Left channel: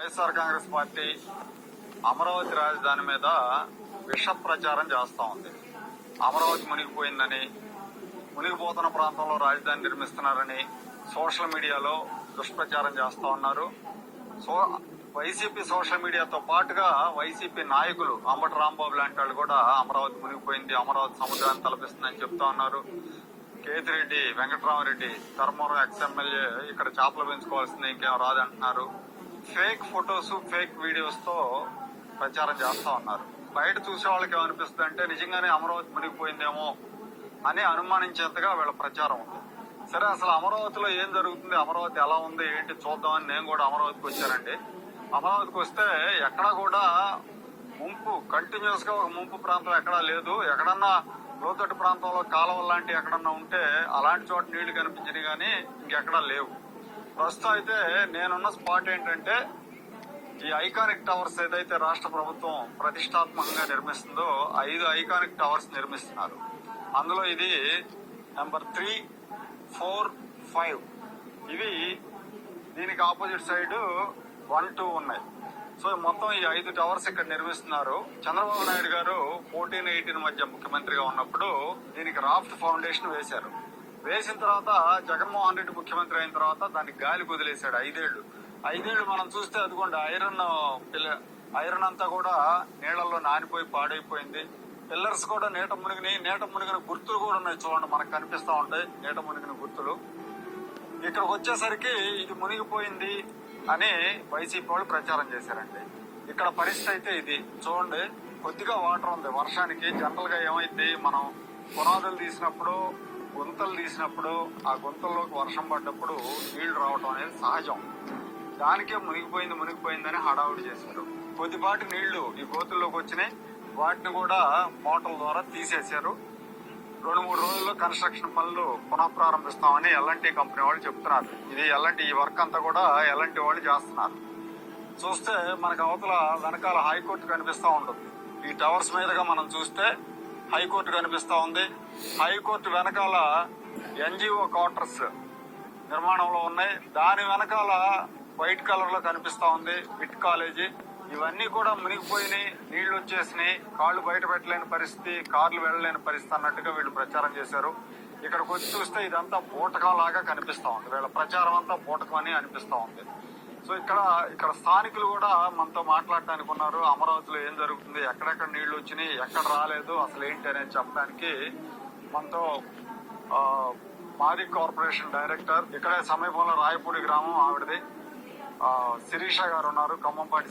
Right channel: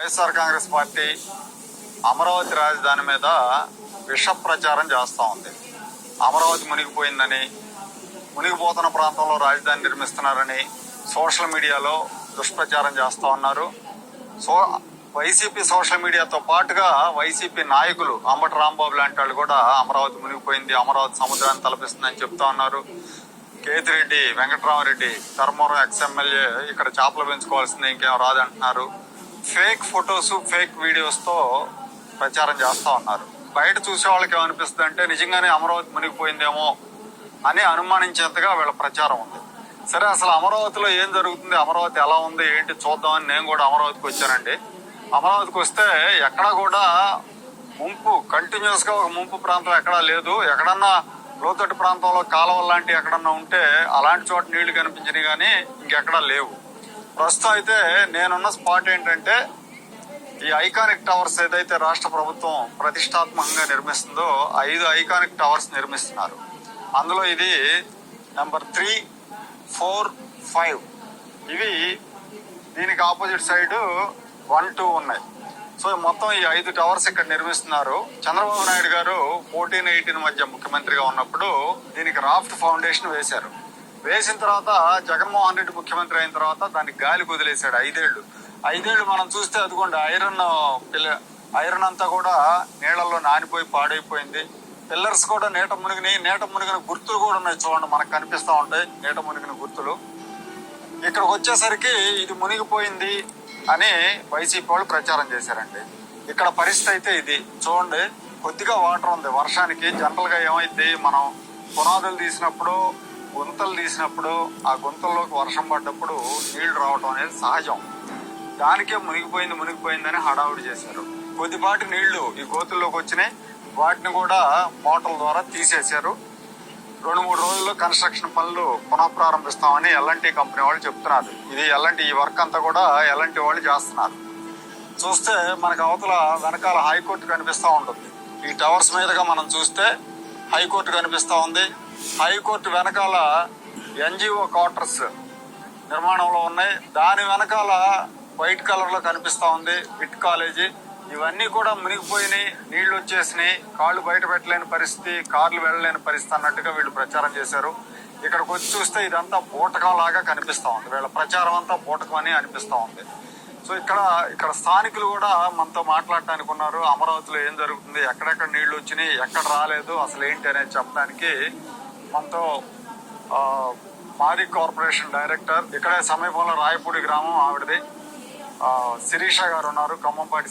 YSR Congress party Amaravati రాజధాని మీద విష ప్రచారం చేస్తూ ఉంది. అమరావతి మునిగిపోయిందని, మునిగిపోతున్న ప్రాంతంలో రాజధాని నిర్మిస్తున్నారని సోషల్ మీడియాలో దుష్ప్రచారం చేస్తూ ఉన్నారు. వైసీపీ సోషల్ మీడియాతో పాటుగా వైసీపీ నాయకులు అంబటి రాంబాబు లాంటి వాళ్ళు కూడా అమరావతి మునిగిపోయింది, అమరావతి సముద్రాన్ని తలపిస్తుందని చెప్తా ఉన్నారు. కేతిరెడ్డి వెంకటరామరెడ్డి ధర్మవరం ఎక్స్ఎమ్మెల్యే ఇక్కడ చేపలు పెంచుకోవాల్సింది ఇంకేం రాదంటున్నారు. ఫేక్ ఫొటోస్, ఫేక్ వీడియోస్ తో ప్రచారం చేస్తా ఉన్నారు. బయట చూసే వాళ్ళకి ఏమనిపిస్తుంది అంటే నిజంగానే అమరావతి మునిగిపోయిందేమో అని అనుమానించేంతగా వీళ్ళ ప్రచారం ఉంది. సరే, అసలు అమరావతిలో ఏం జరుగుతుంది, అమరావతి ఎలా ఉంది ఏంటి చూద్దామని నేను కూడా అమరావతికి వచ్చానండి. అమరావతికి వస్తే ఎక్కడా కూడా ముంపు, కంటిన్యూస్ గా ఒక ముంపు ప్రాంతం ఎక్కడా లేదు. ఎక్కడన్నా లోతట్టు ప్రాంతంలో కాలువలు లాంటివి ఎక్కడన్నా ఉంటే అలాంటి చోట నీళ్లు కనిపించినాయి కానీ ఇంకెక్కడా లేవు. ప్రస్తుతం అయితే నేనున్న స్పాట్ ఏంటంటే ఈ ఐకానిక్ టవర్స్ ఏదైతే రాష్ట్ర ప్రభుత్వం ప్రతిష్టాత్మకంగా నిర్మిస్తుందో 5 ఐకానిక్ టవర్స్ నిర్మిస్తున్నారు. అందులో ఇది నెంబర్ 3, 4, 5. ఇవి దీనికి ఆపోజిట్ సైడ్ 1, 2 ఉన్నాయి. సో మొత్తం ఈ 5 టవర్స్ ఇక్కడ నిర్మిస్తున్నారు. చంద్రబాబు నాయుడు గారు 14-18 మధ్య ముఖ్యమంత్రిగా ఉన్నప్పుడు దీనికి రాఫ్ట్ ఫౌండేషన్ వేశారు. వేసిన తర్వాత జగన్మోహన్ రెడ్డి ముఖ్యమంత్రి అయిన తర్వాత దానికి గాలి వదిలేశాడు 5 ఏళ్లు మనం చూస్తే అదిగోండి ఐరన్ అంతా కూడా నీళ్లలో నానిపోయి పాడైపోయింది. పిల్లర్స్ కూడా నీట మునిగిన గుర్తులు కూడా ఉన్నాయి. చూడండి, మనకు కనిపిస్తా ఉంటాయి నీట మునిగిన గుర్తులు. ఇక్కడికి వచ్చేసరికి ఇది మునిగిపోయింది అని వైసీపీ వాళ్ళు ప్రచారం చేశారండి. ఇక్కడ పరిస్థితి అయితే ఇది చూడండి, కొద్దిగా వాటర్ ఉంది. వర్షానికి జనరల్ గా ఏమైంది, మనం పునాదులు తీసినప్పుడు, గుంతలు తీసినప్పుడు ఆ గుంతల్లోకి వర్షం పడ్డప్పుడు నీళ్లు రావటం అనేది సహజం. దానికే మునిగిపోయిందని హడావుడి చేశారు. కొద్దిపాటి నీళ్లు ఈ గోతుల్లోకి వచ్చినాయి. వాటిని కూడా మోటార్ల ద్వారా తీసేశారు. 2-3 రోజుల్లో కన్స్ట్రక్షన్ పనులు పునఃప్రారంభిస్తామని ఎల్ఎన్టీ కంపెనీ వాళ్ళు చెప్తున్నారు. ఈ వర్క్ అంతా కూడా ఎల్ఎన్టీ వాళ్ళు చేస్తున్నారు. చూస్తే మనకు అవతల వెనకాల హైకోర్టు కనిపిస్తూ ఉంటుంది. ఈ టవర్స్ మీదుగా మనం చూస్తే హైకోర్టు కనిపిస్తా ఉంది. హైకోర్టు వెనకాల ఎన్జిఓ క్వార్టర్స్ నిర్మాణంలో ఉన్నాయి. దాని వెనకాల వైట్ కలర్ లో కనిపిస్తా ఉంది బిట్ కాలేజీ. ఇవన్నీ కూడా మునిగిపోయినాయి, నీళ్లు వచ్చేసినాయి, కాళ్ళు బయట పెట్టలేని పరిస్థితి, కార్లు వెళ్ళలేని పరిస్థితి అన్నట్టుగా వీళ్ళు ప్రచారం చేశారు. ఇక్కడికి వచ్చి చూస్తే ఇదంతా బూటకం లాగా కనిపిస్తా ఉంది. వీళ్ళ ప్రచారం అంతా బూటకం అని అనిపిస్తా ఉంది. సో ఇక్కడ స్థానికులు కూడా మనతో మాట్లాడటానికి ఉన్నారు. అమరావతిలో ఏం జరుగుతుంది, ఎక్కడెక్కడ నీళ్లు వచ్చినాయి, ఎక్కడ రాలేదు, అసలు ఏంటి అనేది చెప్పడానికి మనతో మాది కార్పొరేషన్ డైరెక్టర్, ఇక్కడే సమీపంలో రాయపూడి గ్రామం, ఆవిడది శిరీష గారు ఉన్నారు, ఖమ్మంపాటి